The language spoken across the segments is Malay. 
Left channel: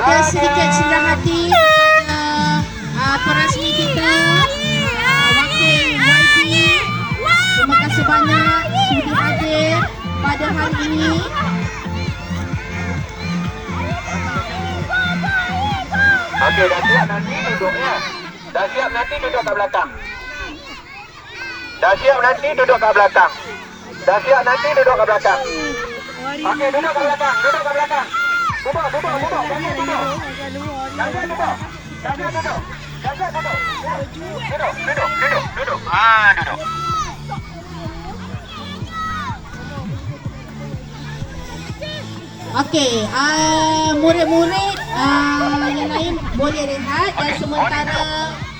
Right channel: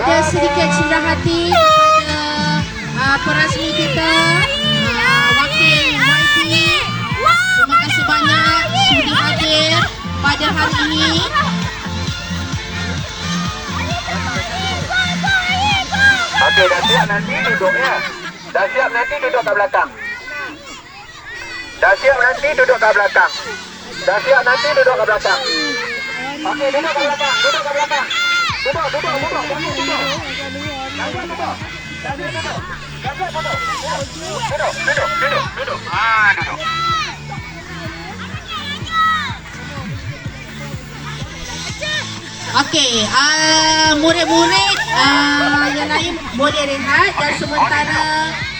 ada sedikit cendera hati kepada uh, perasmi kita, uh, wakil YB. Terima kasih banyak sudi hadir pada hari ini. Okey, dah siap nanti duduk ya. Dah siap nanti duduk kat belakang. Dah siap nanti duduk kat belakang. Dah siap nanti duduk kat belakang. Okey, duduk kat belakang. Duduk kat belakang. Duduk, duduk, duduk. Duduk. Jangan duduk. Jangan duduk. Jangan duduk. Duduk, duduk, duduk, duduk. Ah, duduk. Okey, uh, murid-murid uh, yang lain boleh rehat dan sementara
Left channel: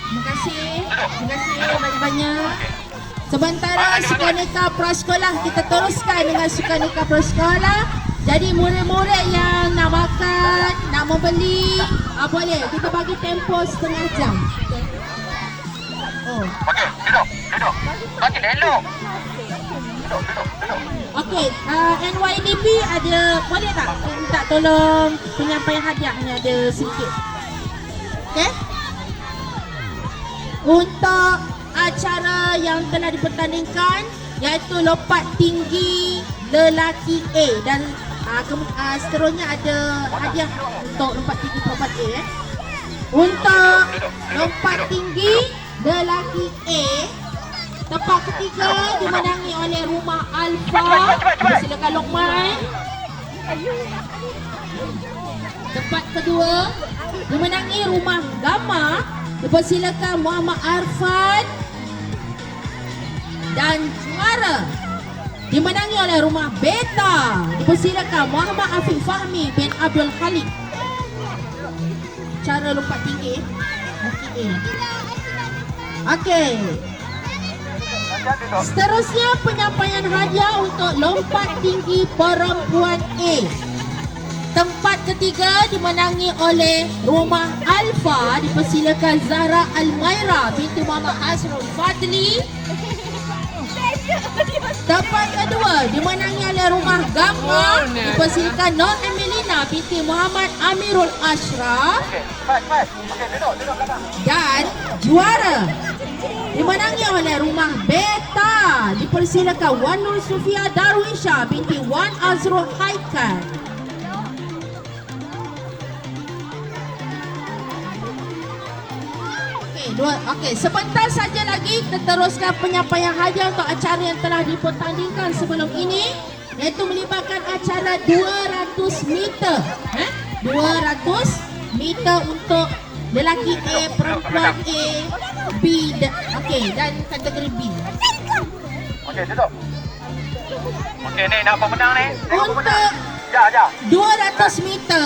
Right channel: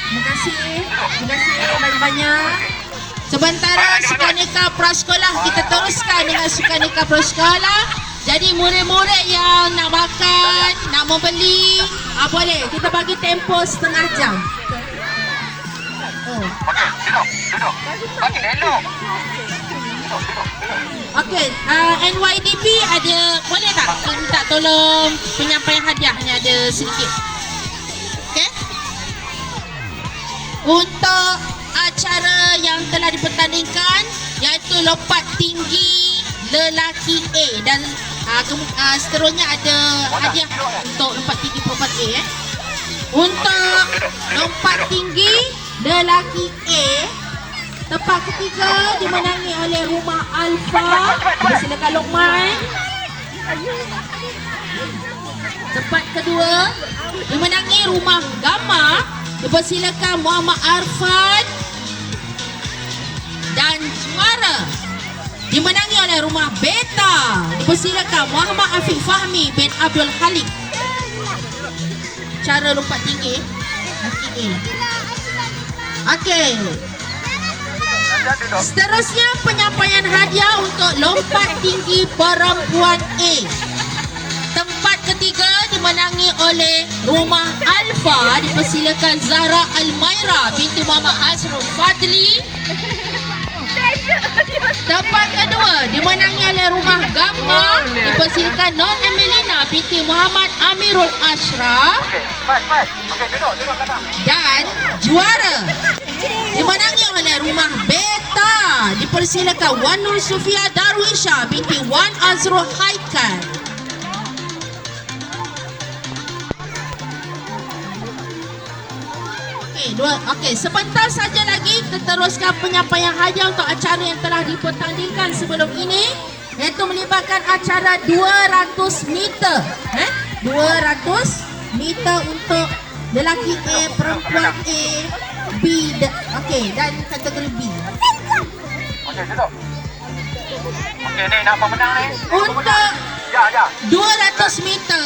terima kasih, terima kasih banyak-banyak. Sementara Sukaneka Prasekolah kita teruskan dengan Sukaneka Prasekolah. Jadi murid-murid yang nak makan, nak membeli, ah, boleh. Kita bagi tempoh setengah jam. Oh. Okey, duduk, duduk. Bagi elok. Duduk, duduk, duduk. Okey, uh, NYDP ada boleh tak minta tolong penyampaian hadiah hanya ada sedikit. Okey. Untuk acara yang telah dipertandingkan iaitu lompat tinggi lelaki A dan uh, kem- uh, seterusnya ada hadiah untuk lompat tinggi perempuan A eh. Untuk lompat tinggi lelaki A Tempat ketiga dimenangi oleh Rumah Alfa. Silakan Lokman. Tempat kedua dimenangi Rumah Gamma. Dipersilakan Muhammad Arfan. Dan juara dimenangi oleh Rumah Beta. Dipersilakan Muhammad Afiq Fahmi bin Abdul Halik. Cara lompat tinggi. Okey. Seterusnya penyampaian hadiah untuk lompat tinggi perempuan A. Tempat ketiga dimenangi oleh Rumah Alfa dipersilakan Zahra Almaira binti Muhammad Azrul Fadli. Tempat kedua dimenangi oleh Rumah Gamma dipersilakan Nur Emelina binti Muhammad Amirul belakang. Dan juara dimenangi oleh rumah Beta dipersilakan Wan Nur Sufia Darwisha binti Wan Azrul Haikal. Okey, dua. Okey, sebentar saja lagi kita teruskan penyampaian hadiah untuk acara yang telah dipertandingkan sebelum ini iaitu melibatkan acara 200 meter. Eh? 200 meter untuk lelaki A, perempuan A, B dan okey dan kategori B. Okey, duduk. Okey, ni nak pemenang ni. Untuk Ya, ya. 200 meter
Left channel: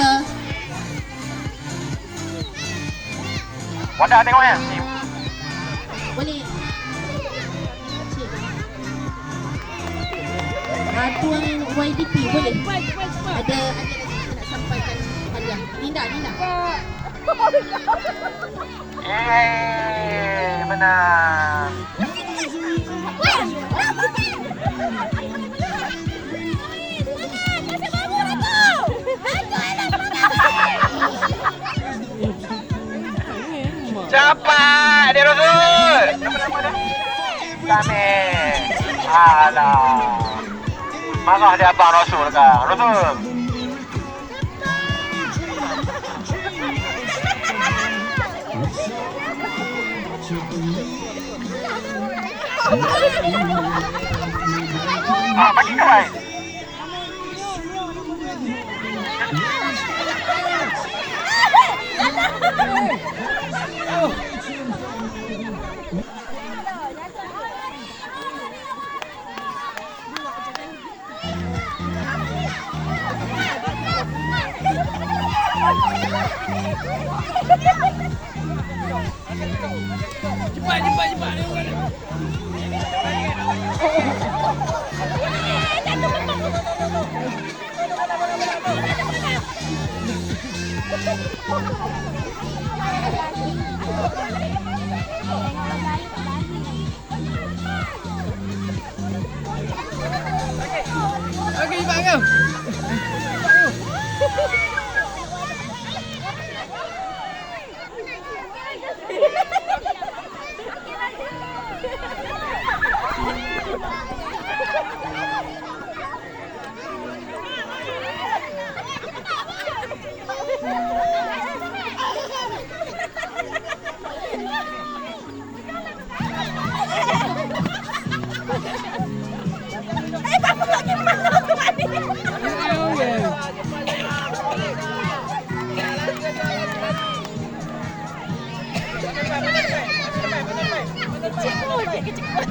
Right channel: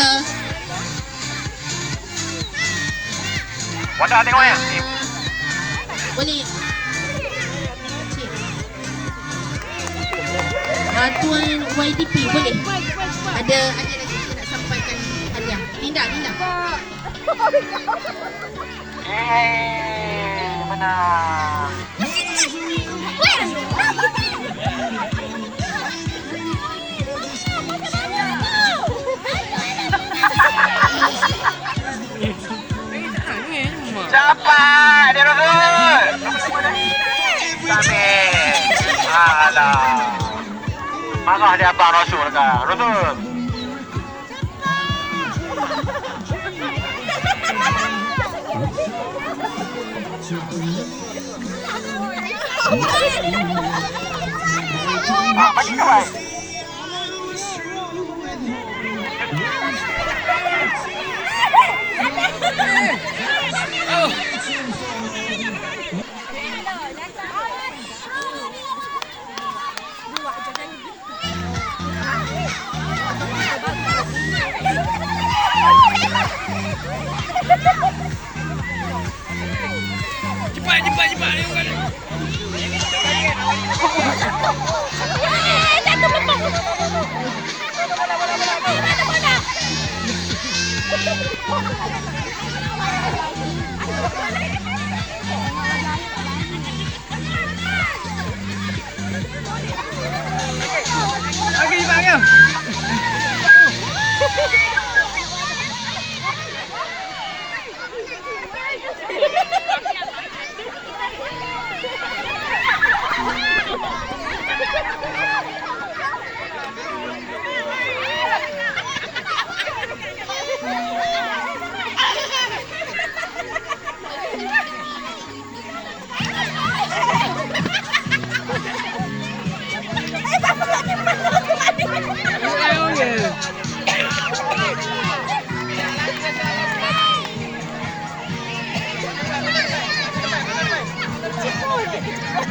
Wadah tengok ya. Ni. boleh. Uh, Tuan YDP boleh ada ada lagi kita nak sampaikan hadiah Linda Linda Eh, benar. 가냐 바라시 올까 여러분 아 맛있다 봐 Oh! Cepat, cepat, cepat. Ayo, ayo.